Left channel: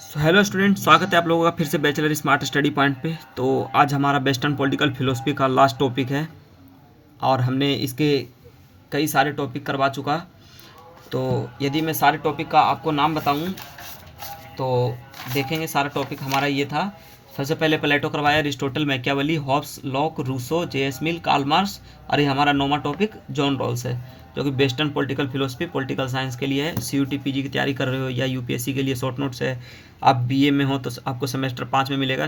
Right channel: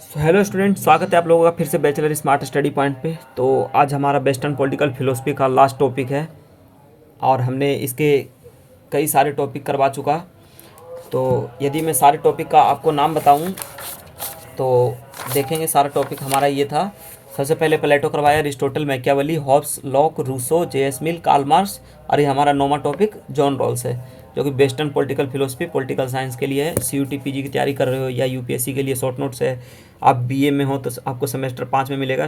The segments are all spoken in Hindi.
हेलो स्टूडेंट, स्वागत है आप लोगों का फिर से बैचलर स्मार्ट स्टडी पॉइंट पे। तो आज हमारा वेस्टर्न पॉलिटिकल फिलोसफी का लास्ट टॉपिक है और हमने इसके कई सारे टॉपिक करवा चुका। तो यदि मैं सारे टॉपिक का आपको नाम बताऊं तो देखेंगे सारा टॉपिक हमारा ये था। सबसे पहले प्लेटो करवाया, Aristotle, Machiavelli, Hobbes, Locke, Rousseau, J S. Mill, Karl Marx और ये हमारा नौवां टॉपिक जॉन रॉल्स है, जो कि western political philosophy political science के लिए है। CUT PG की तैयारी कर रहे हो या UPSC के लिए शॉर्ट नोट्स है, आप BA में हो तो आपको सेमेस्टर 5 में मिलेगा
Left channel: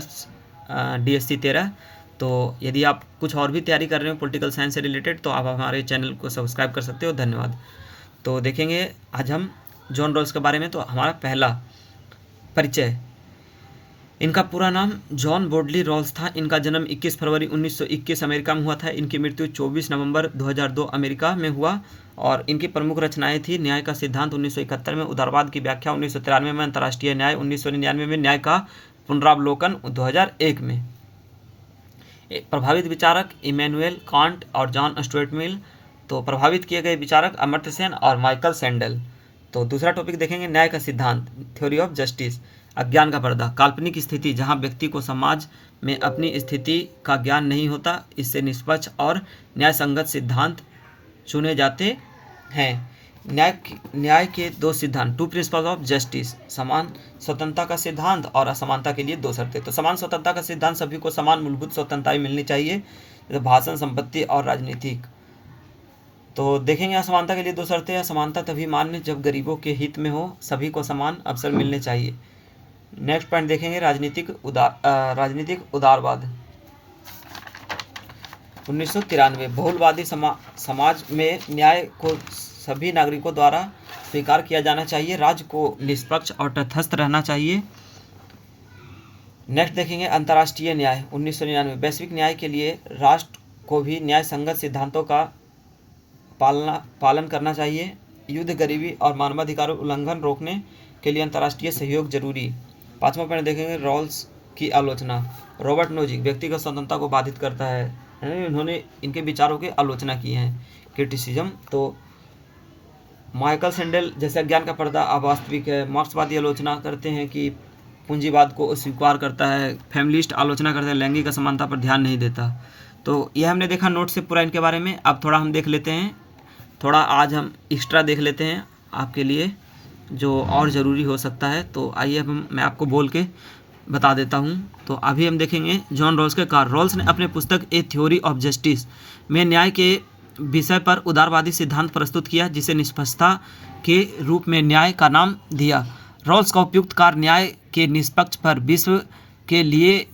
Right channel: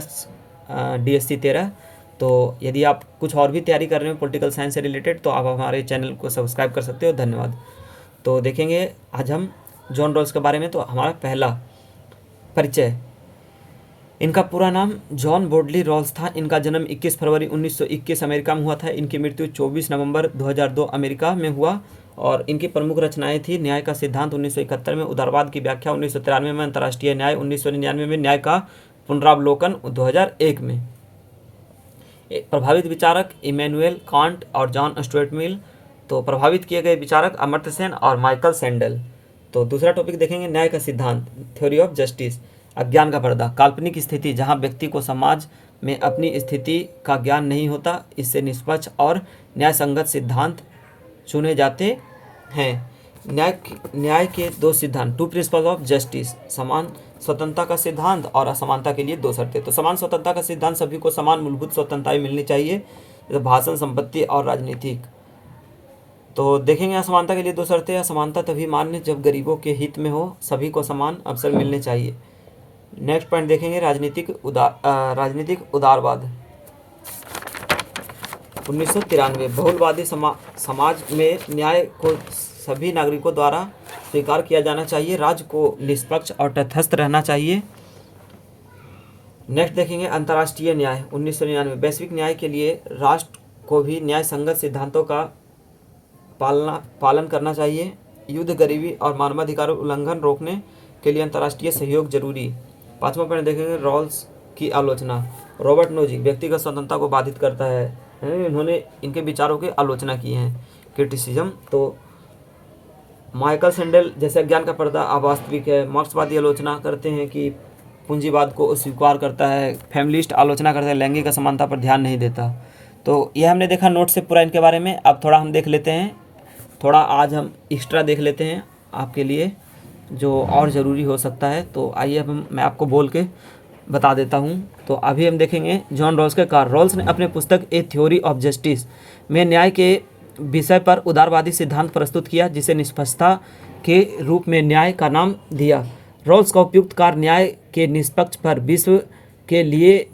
DSC 13। तो यदि आप कुछ और भी तैयारी कर रहे हो पॉलिटिकल साइंस से रिलेटेड तो आप हमारे चैनल को सब्सक्राइब कर सकते हो। धन्यवाद। तो देखेंगे आज हम जॉन रॉल्स के बारे में। तो हमारा पहला परिचय, इनका पूरा नाम जॉन बोडली रॉल्स था। इनका जन्म 21 फरवरी 1921 अमेरिका में हुआ था। इनकी मृत्यु 24 नवंबर 2002 अमेरिका में हुआ। और इनकी प्रमुख रचनाएं थी न्याय का सिद्धांत 1971 में, उदारवाद की व्याख्या 1993 में, अंतर्राष्ट्रीय न्याय 1999 में, न्याय का पुनरावलोकन 2001 में। प्रभावित विचारक इमैनुएल कांट और जॉन स्टुअर्ट मिल। तो प्रभावित किए गए विचारक अमर्त्य सेन और माइकल सैंडल। तो दूसरा टॉपिक देखेंगे न्याय का सिद्धांत, थ्योरी ऑफ जस्टिस। अज्ञान का पर्दा, काल्पनिक स्थिति जहां व्यक्ति को समाज में अपनी स्थिति का ज्ञान नहीं होता, इससे निष्पक्ष और न्यायसंगत सिद्धांत चुने जाते हैं। न्याय के दो सिद्धांत, टू प्रिंसिपल्स ऑफ जस्टिस, समान स्वतंत्रता का सिद्धांत और असमानता के लिए दो शर्तें। तो समान स्वतंत्रता का सिद्धांत, सभी को समान मूलभूत स्वतंत्रताएं मिलनी चाहिए, जैसे भाषण, संपत्ति और राजनीतिक। तो देखेंगे असमानता के लिए दो शर्तें, असमानता तभी मान्य जब गरीबों के हित में हो, सभी को समान अवसर मिलने चाहिए। नेक्स्ट पॉइंट देखेंगे राजनीतिक उदारवाद 1993। बहुलवादी समाज में न्याय को सभी नागरिकों द्वारा स्वीकार किया जाना चाहिए, राज्य को निष्पक्ष और तटस्थ रहना चाहिए। नेक्स्ट देखेंगे अंतर्राष्ट्रीय न्याय 1999। वैश्विक न्याय के लिए राष्ट्र को भी न्याय संगत सिद्धांतों का पालन करना चाहिए। युद्ध, गरीबी और मानवाधिकारों उल्लंघन रोकने के लिए अंतर्राष्ट्रीय सहयोग जरूरी। पांचवा पॉइंट देखेंगे रॉल्स की आलोचना। रॉबर्ट नोजिक व्यक्तिगत स्वतंत्रता को बाधित करता है, इन्होंने इनके विचारों की आलोचना की है, क्रिटिसिज्म। तो माइकल सैंडल जैसे अज्ञान का पर्दा अवास्तविक है। मार्क्सवादी आलोचना करते हैं कि पूंजीवाद को अस्वीकार करता है। फैमिलिस्ट आलोचना करते हैं, लैंगिक असमानता पर ध्यान नहीं देता। तो यह हमने देखा नोट से पूरा इनके बारे में। अब थोड़ा हम देख लेते हैं, थोड़ा आज हम एक्स्ट्रा देख लेते हैं आपके लिए जो और ज़रूरी हो सकता है। तो आइए अब मैं आपको बोल के बता देता हूँ। तो अभी हम देखेंगे जॉन रॉल्स के कार्य। रॉल्स ने अपने पुस्तक ए थ्योरी ऑफ जस्टिस में न्याय के विषय पर उदारवादी सिद्धांत प्रस्तुत किया, जिसे निष्पक्षता के रूप में न्याय का नाम दिया। रॉल्स का उपयुक्त कार्य न्याय के निष्पक्ष पर विश्व के लिए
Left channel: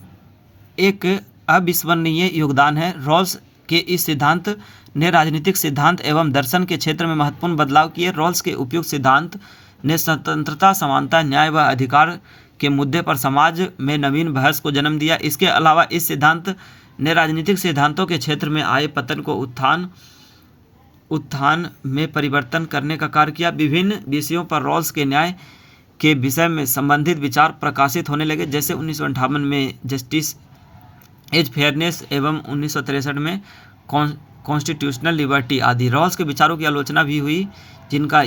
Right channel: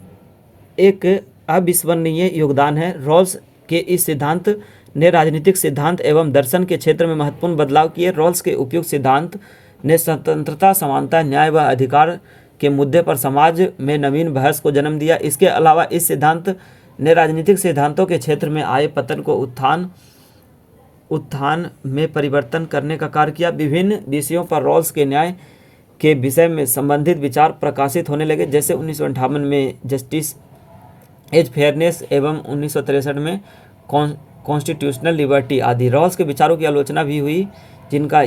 एक अविस्मरणीय योगदान है। रॉल्स के इस सिद्धांत ने राजनीतिक सिद्धांत एवं दर्शन के क्षेत्र में महत्वपूर्ण बदलाव किए। रॉल्स के उपयुक्त सिद्धांत ने स्वतंत्रता, समानता, न्याय व अधिकार के मुद्दे पर समाज में नवीन बहस को जन्म दिया। इसके अलावा इस सिद्धांत ने राजनीतिक सिद्धांतों के क्षेत्र में आए पतन को उत्थान में परिवर्तन करने का कार्य किया। विभिन्न विषयों पर रॉल्स के न्याय के विषय में संबंधित विचार प्रकाशित होने लगे, जैसे 1958 में जस्टिस एज फेयरनेस एवं 1963 में कॉन्स्टिट्यूशनल लिबर्टी आदि। रॉल्स के विचारों की आलोचना भी हुई, जिनका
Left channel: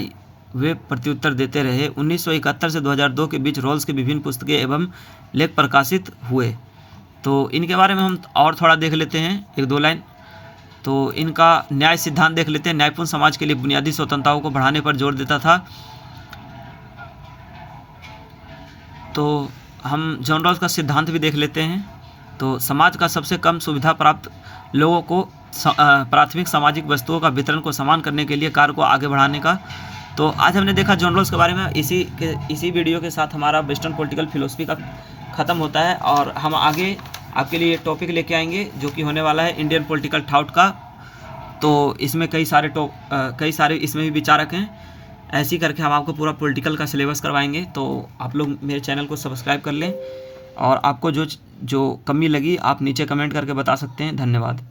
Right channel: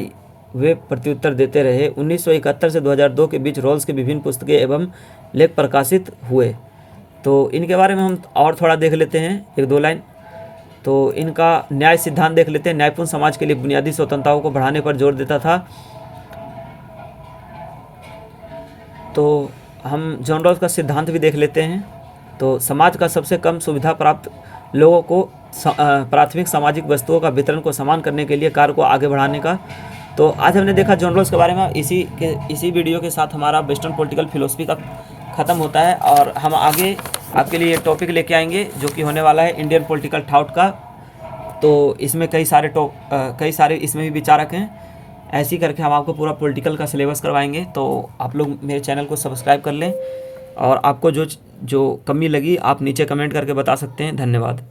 वे प्रत्युत्तर देते रहे। 1971 से 2002 के बीच रॉल्स के विभिन्न पुस्तकें एवं लेख प्रकाशित हुए। तो इनके बारे में हम और थोड़ा देख लेते हैं, एक दो लाइन। तो इनका न्याय सिद्धांत देख लेते हैं। न्यायपूर्ण समाज के लिए बुनियादी स्वतंत्रताओं को बढ़ाने पर जोर देता था। तो हम जॉन रॉल्स का सिद्धांत भी देख लेते हैं। तो समाज का सबसे कम सुविधा प्राप्त लोगों को प्राथमिक सामाजिक वस्तुओं का वितरण को समान करने के लिए कार्य को आगे बढ़ाने का। तो आज हमने देखा जॉन रॉल्स के बारे में। इसी वीडियो के साथ हमारा वेस्टर्न पॉलिटिकल फिलोसफी का ख़त्म होता है और हम आगे आपके लिए एक टॉपिक लेके आएंगे जो कि होने वाला है इंडियन पॉलिटिकल थॉट का। तो इसमें कई सारे इसमें भी विचारक हैं। ऐसे ही करके हम आपको पूरा पॉलिटिकल का सिलेबस करवाएंगे। तो आप लोग मेरे चैनल को सब्सक्राइब कर लें और आपको जो कमी लगी आप नीचे कमेंट करके बता सकते हैं। धन्यवाद।